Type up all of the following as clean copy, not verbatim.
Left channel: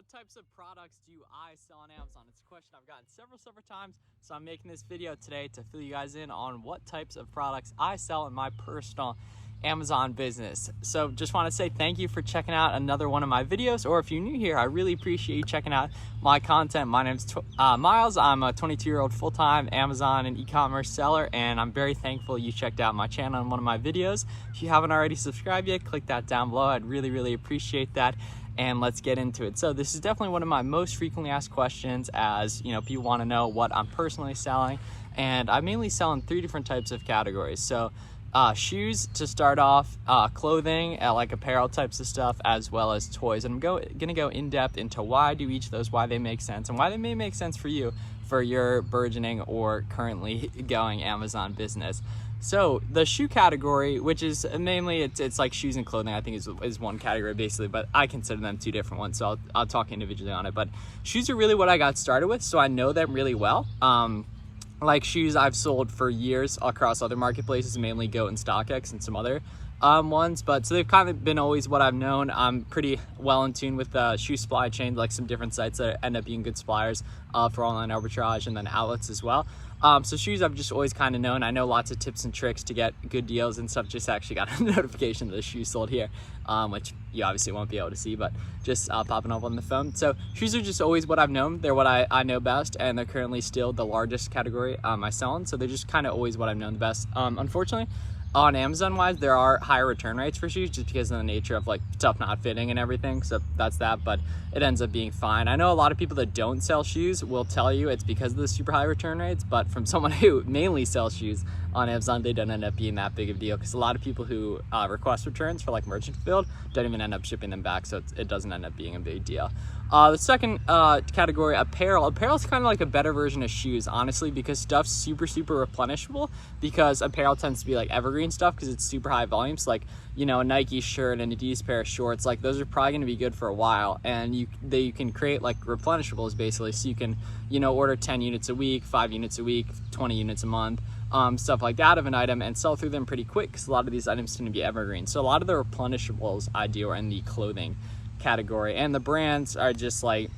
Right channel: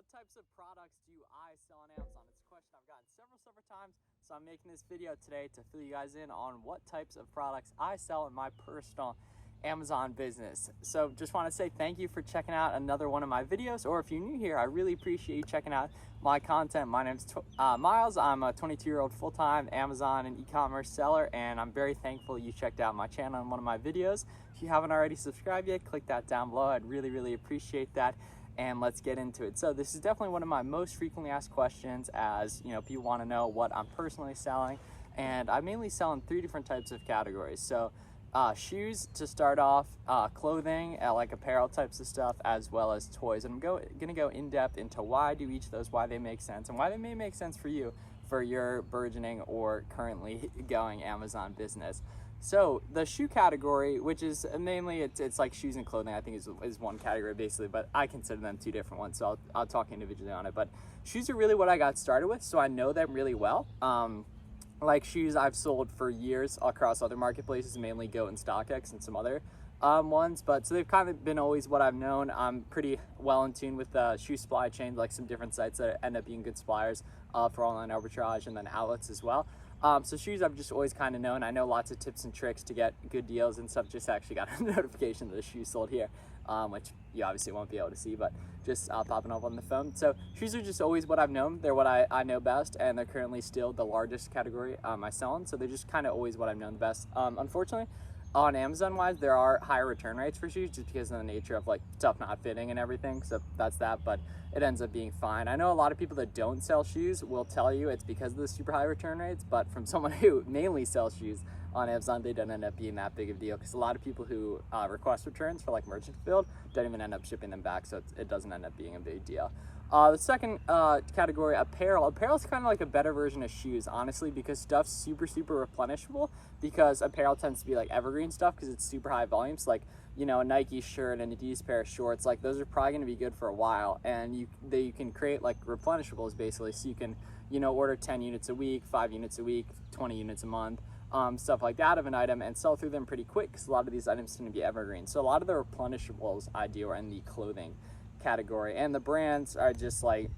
What types of products do I sell on Amazon? It's a question I've gotten several times, so I'm making this video today to fill you guys in on what types of products I sell in my personal Amazon business. So just want to say thank you for checking out another one of my videos, or if you're new here, I really appreciate you checking out my content. My name's Miles. I'm a 22-year-old full-time Amazon and e-commerce seller, and I'm very thankful you checked out my channel and one of my videos. If you haven't already subscribed yet, click that down below. I'd really appreciate that. And let's get into it. So this is definitely one of my most frequently asked questions, as you know, people want to know what I'm personally selling, and I mainly sell in 3 different types of categories. So shoes to start off, clothing, like apparel types of stuff, as well as toys. And I'm gonna go in depth into why I do each of those, why they make sense, and why they may make sense for you for your burgeoning or currently going Amazon business. So the shoe category, which is mainly it's like shoes and clothing, I think is one category basically, but I consider them 2 different ones, so I'll talk individually on it. But shoes are really what I got started with, so I know them really well. Like shoes I've sold for years across other marketplaces, mainly Goat and StockX and some other ones, but so they've kind of been always what I've known. I'm pretty well in tune with shoe supply chains, like some different sites that end up being good suppliers for online arbitrage, and then outlets as well. So shoes I've just always kind of known. I know lots of tips and tricks to get good deals and stuff. Just actually got a notification that the shoes sold here, which you obviously won't be able to see, but just popping up on the phone. So shoes are just always what I've known. They're what I know best, and they're currently still the largest category I sell in. So they're just kind of always what I've known the best. Unfortunately, on Amazon wise, there are higher return rates for shoes just because of the nature of like stuff not fitting and everything. So that's that, but it ends up being fine. I know a lot of people that don't sell shoes will tell you it's because of the super high return rates, but from someone who mainly sells shoes on Amazon, they don't end up being that big of a deal, because a lot of people who request returns for like merchant fulfilled don't even end up shipping them back, so it doesn't end up being a big deal. The second category, apparel. Apparel is kind of like a better version of shoes, honestly, because stuff's super replenishable, because apparel tends to be like evergreen stuff because it's super high volume. So like, you know, a Nike shirt and a Adidas pair of shorts, like those are probably going to be good for a while, and you can create like replenishables basically, so you can, you know, order 10 units a week, 5 units a week, 20 units a month, stuff like that of an item, and sell through them pretty quick because a lot of these items tend to be evergreen. So a lot of the replenishables I do are in the clothing category, and the brands are just like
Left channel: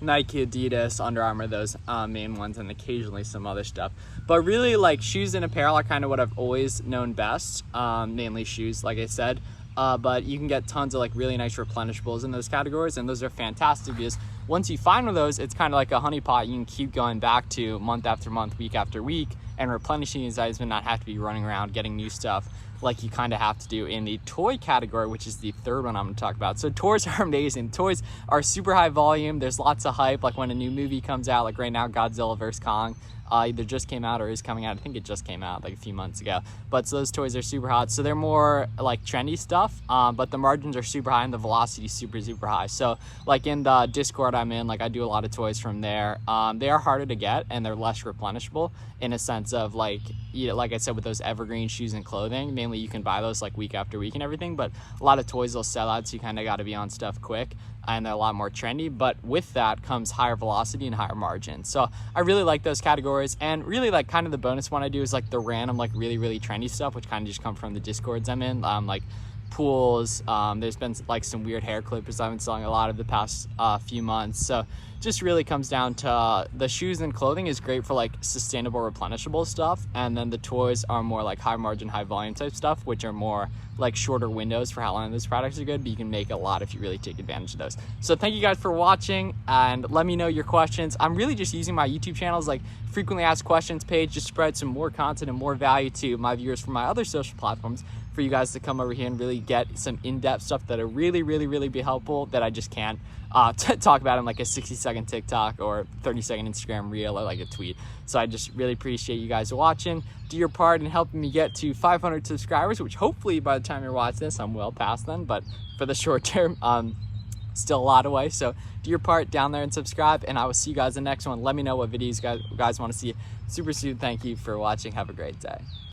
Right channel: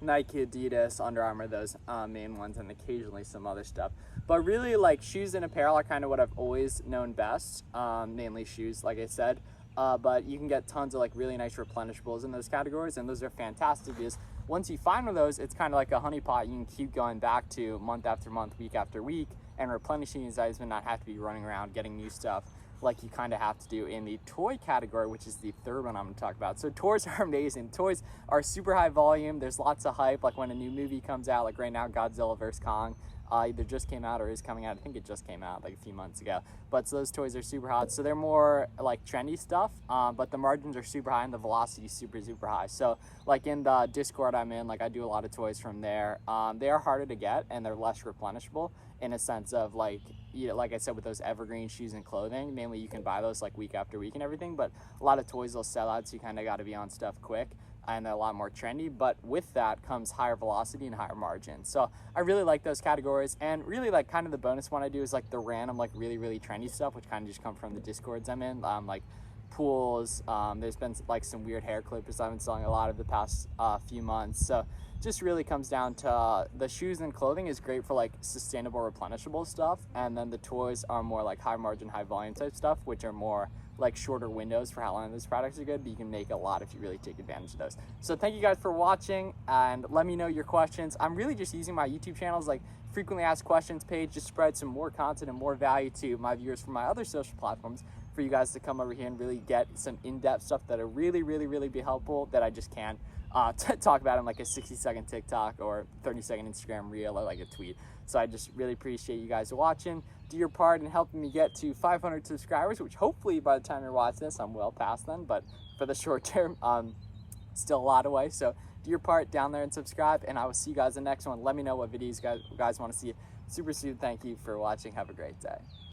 Nike, Adidas, Under Armour, those main ones, and occasionally some other stuff. But really, like, shoes and apparel are kind of what I've always known best, mainly shoes, like I said. But you can get tons of like really nice replenishables in those categories, and those are fantastic because once you find one of those, it's kind of like a honeypot. You can keep going back to month after month, week after week, and replenishing these items, and not have to be running around getting new stuff like you kind of have to do in the toy category, which is the third one I'm going to talk about. So toys are amazing. Toys are super high volume. There's lots of hype, like when a new movie comes out, like right now Godzilla vs. Kong either just came out or is coming out. I think it just came out like a few months ago. But so those toys are super hot. So they're more like trendy stuff, but the margins are super high and the velocity is super high. So like in the Discord I'm in, like I do a lot of toys from there. They are harder to get and they're less replenishable in a sense of like, you know, like I said, with those evergreen shoes and clothing, mainly you can buy those like week after week and everything, but a lot of toys will sell out, so you kind of got to be on stuff quick, and they're a lot more trendy. But with that comes higher velocity and higher margin. So I really like those categories, and really like kind of the bonus one I do is like the random like really trendy stuff, which kind of just come from the Discords I'm in, like pools. There's been like some weird hair clippers I've been selling a lot of the past few months. So just really comes down to the shoes and clothing is great for like sustainable replenishable stuff, and then the toys are more like high margin, high volume type stuff, which are more like shorter windows for how long those products are good, but you can make a lot if you really take advantage of those. So thank you guys for watching, and let me know your questions. I'm really just using my YouTube channel as like frequently asked questions page, just spread some more content and more value to my viewers from my other social platforms, for you guys to come over here and really get some in-depth stuff that'll really be helpful, that I just can't talk about in like a 60-second TikTok or 30-second Instagram reel or like a tweet. So I just really appreciate you guys watching. Do your part in helping me get to 500 subscribers, which hopefully by the time you're watching this, I'm well past then, but for the short term, still a lot away. So do your part down there and subscribe, and I will see you guys in the next one. Let me know what videos you guys want to see super soon. Thank you for watching. Have a great day.